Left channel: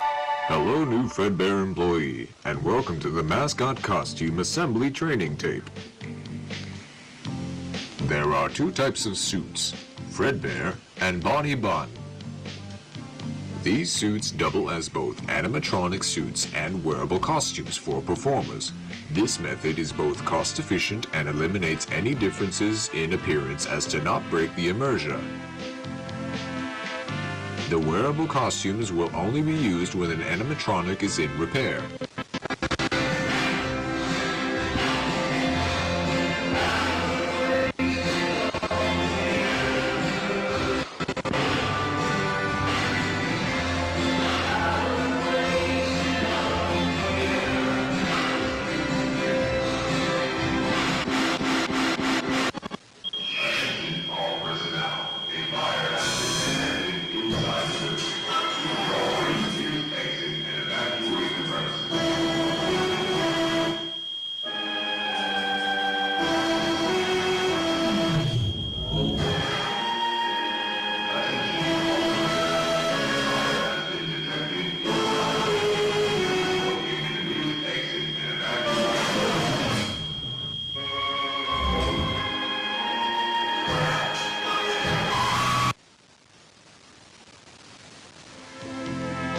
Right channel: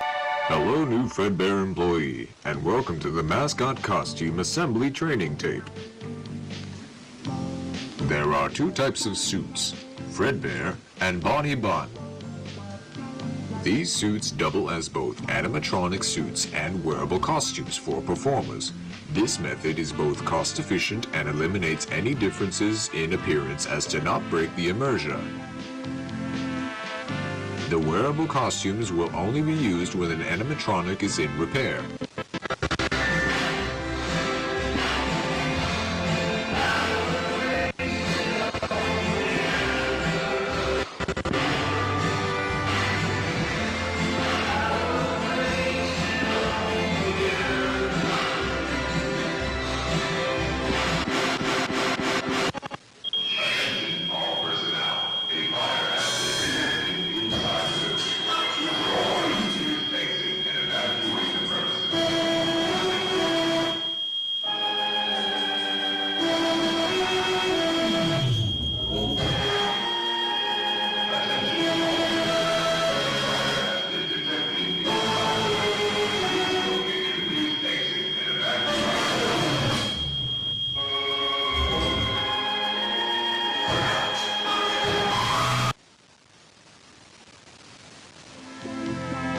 Hello, new Fredbear employee, and welcome to the mascot costume assembly training tape. There are two types of suits, Fredbear and Bonnie Bun. These suits double as both animatronic suits and wearable costumes for performers. Sufficient and eliminates any differences in appearance as to not break the immersion. The wearable costumes will only be used when an animatronic is in repair.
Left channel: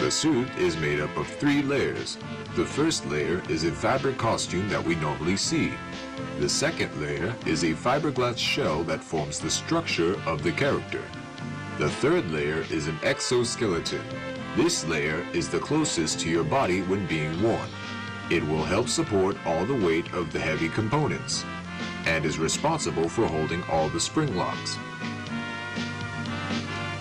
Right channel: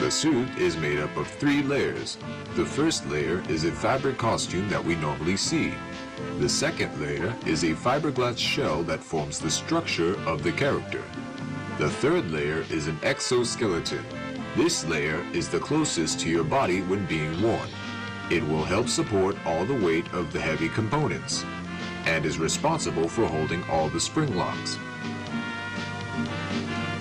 The suit is made up of 3 layers. The first layer is a fabric costume that we normally see. The second layer is a fiberglass shell that forms the structure of the character. The third layer is an exoskeleton. This layer is the closest to your body when being worn. It will help support all the weight of the heavy components, and is responsible for holding all the spring locks.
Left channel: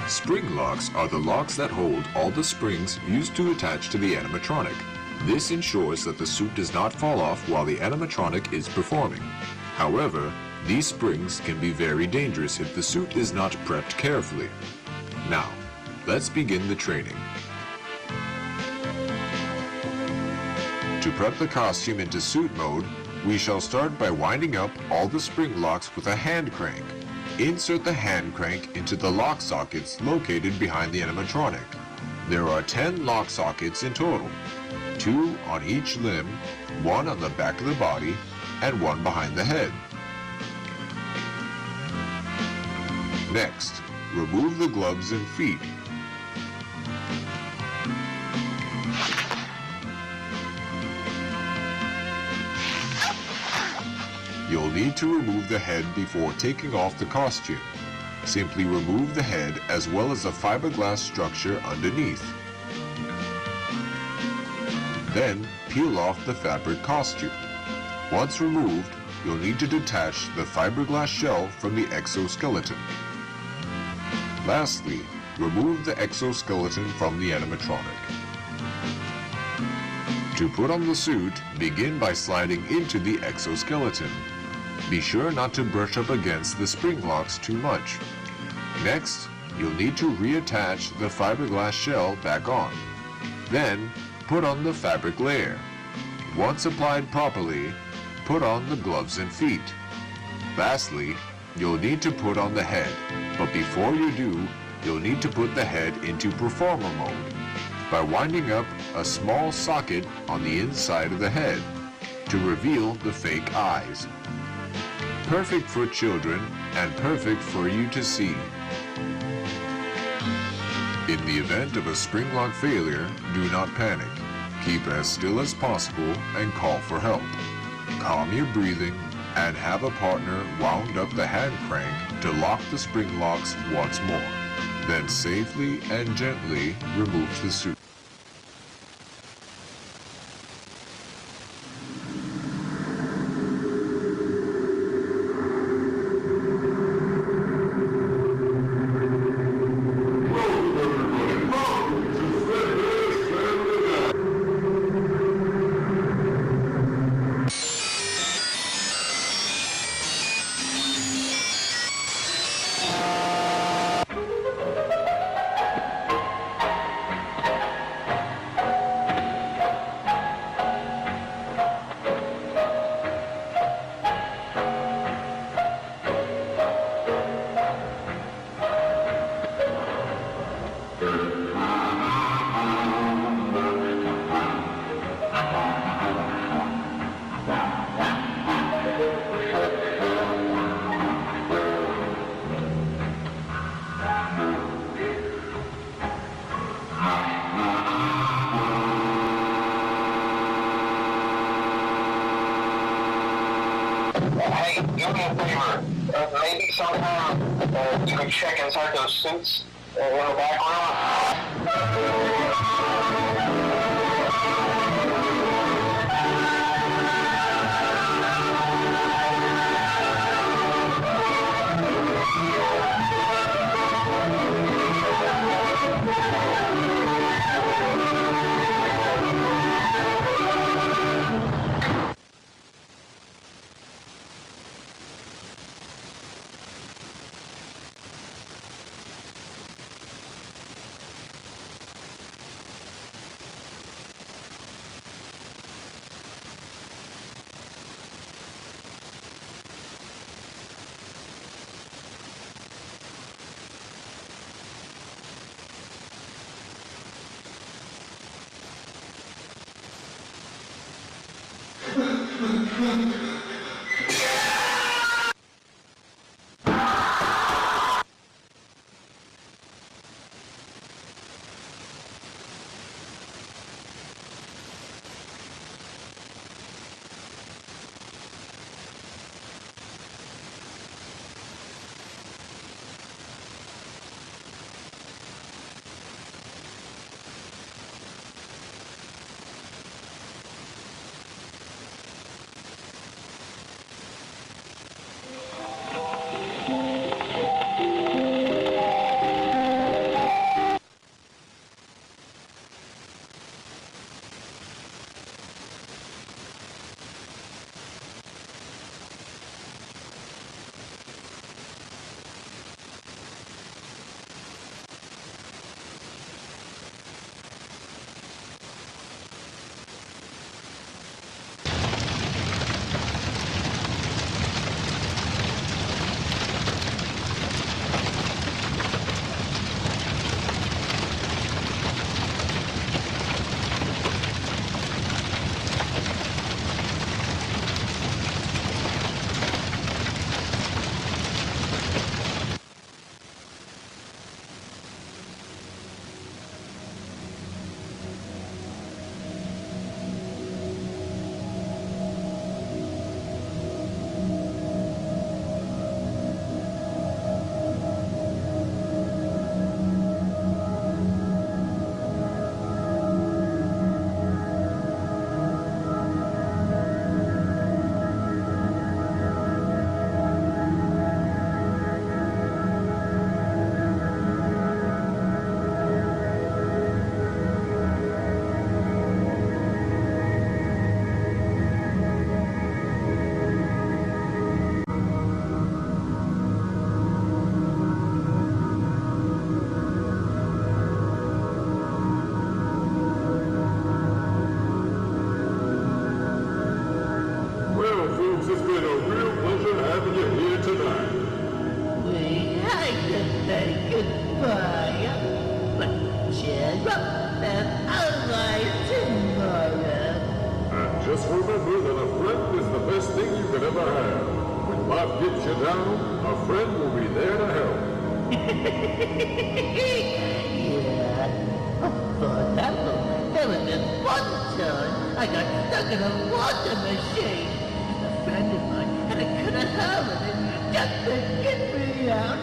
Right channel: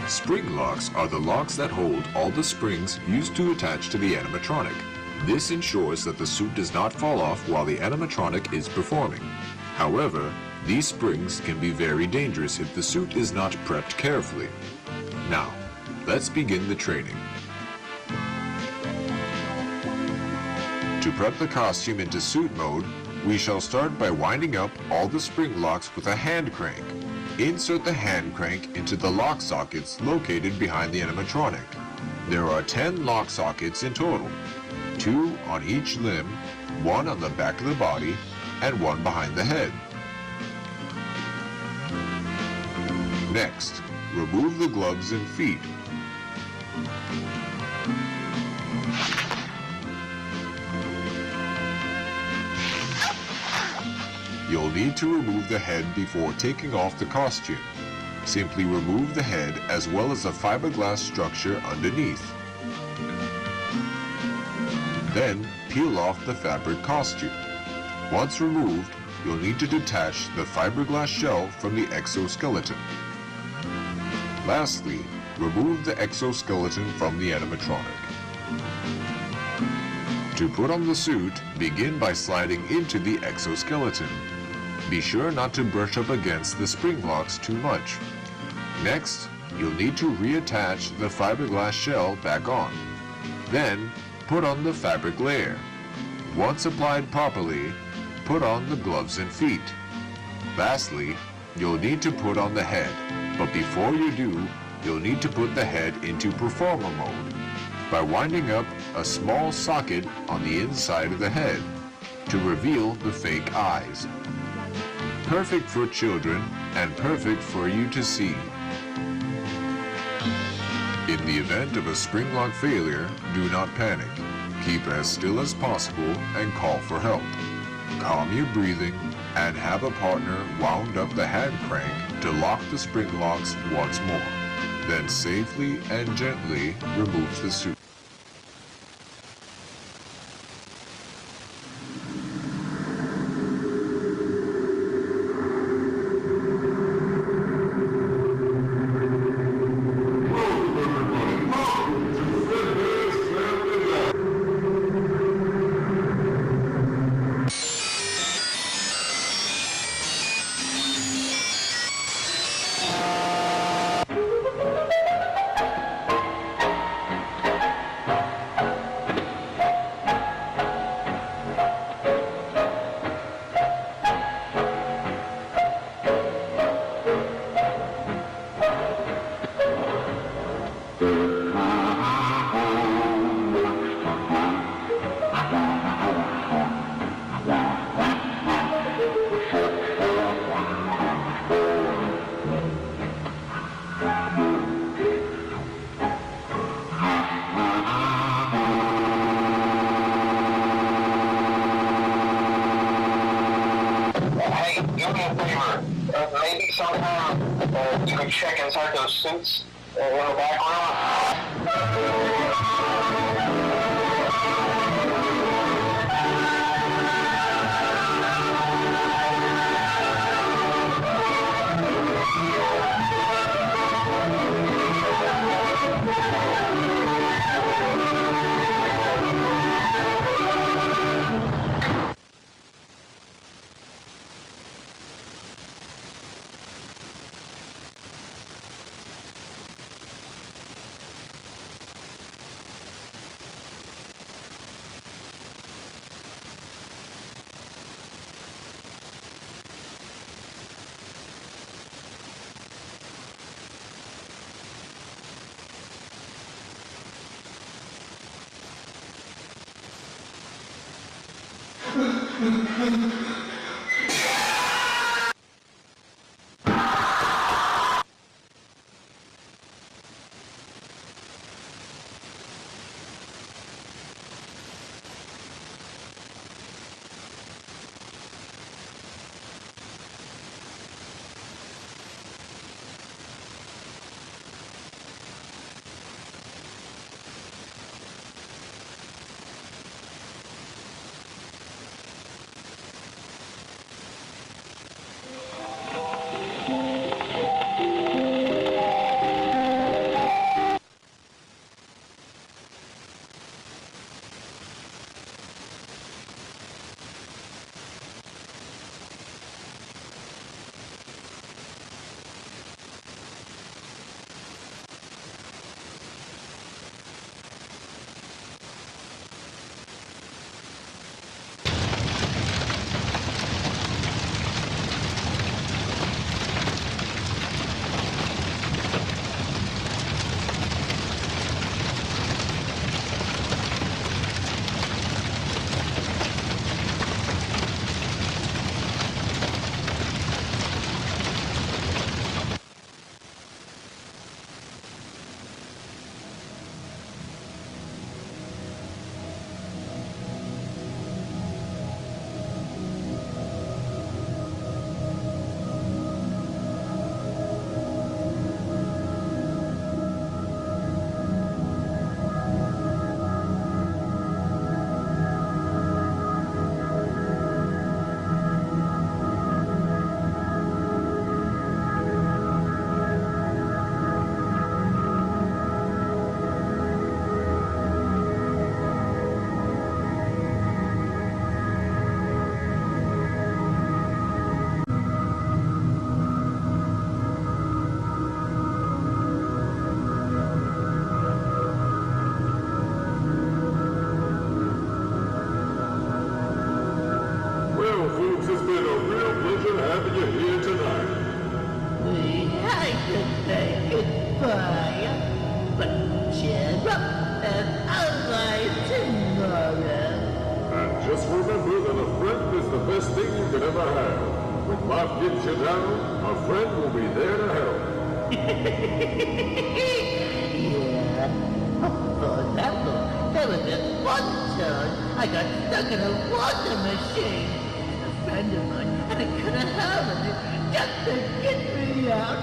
Spring locks are the locks that hold all the springs used to attach to the animatronic. However, these springs can be very dangerous if the suit is not prepped carefully. Now, let's begin the training. To prep the costume into suit mode, we shall start by winding up all the spring locks with a hand crank. Insert the hand crank into the lock sockets located behind the animatronic. There are 10 lock sockets in total, 2 on each limb, 1 on the back of the body, and 1 behind the head. Next, remove the gloves and feet. You'll need to remove the head before taking off the costume. Simply remove the head as well as the fiberglass structure underneath. Then, peel off the fabric costume. Once removed, you'll need to detach the fiberglass shell from the exoskeleton. Lastly, remove the exoskeleton from the animatronic. To put on the springlock too much. Next, you'll need to reattach the fiberglass shell back on. Then, put on the fabric layer. Once applied properly, put on the gloves and feet. Lastly, you'll need to put on the head, but before you do, you'll need to put the head into performer mode by winding up a small socket on the inside of the head to reveal the fake eyes. Perfect foot for you to see. In the event of a springlock failure, do not panic. Keep as still as possible and call for help. Calm your breathing and have a partner wound up the hand crank to lock the springlock once more. Then safely and gently remove the suit. Hey, do me a favor. Maybe sometime you can check inside those suits in the background. Well, folks, it's been a real pleasure having you here tonight. We hate to say goodbye, but cheer up, there's always tomorrow. And just remember that a friend is the best thing you could ever have. When life gets you down, a friend will be there to help. Yeah. For example, there was this one time I got stuck in a water machine. A friend of mine had a cut a hole in it just to get me out.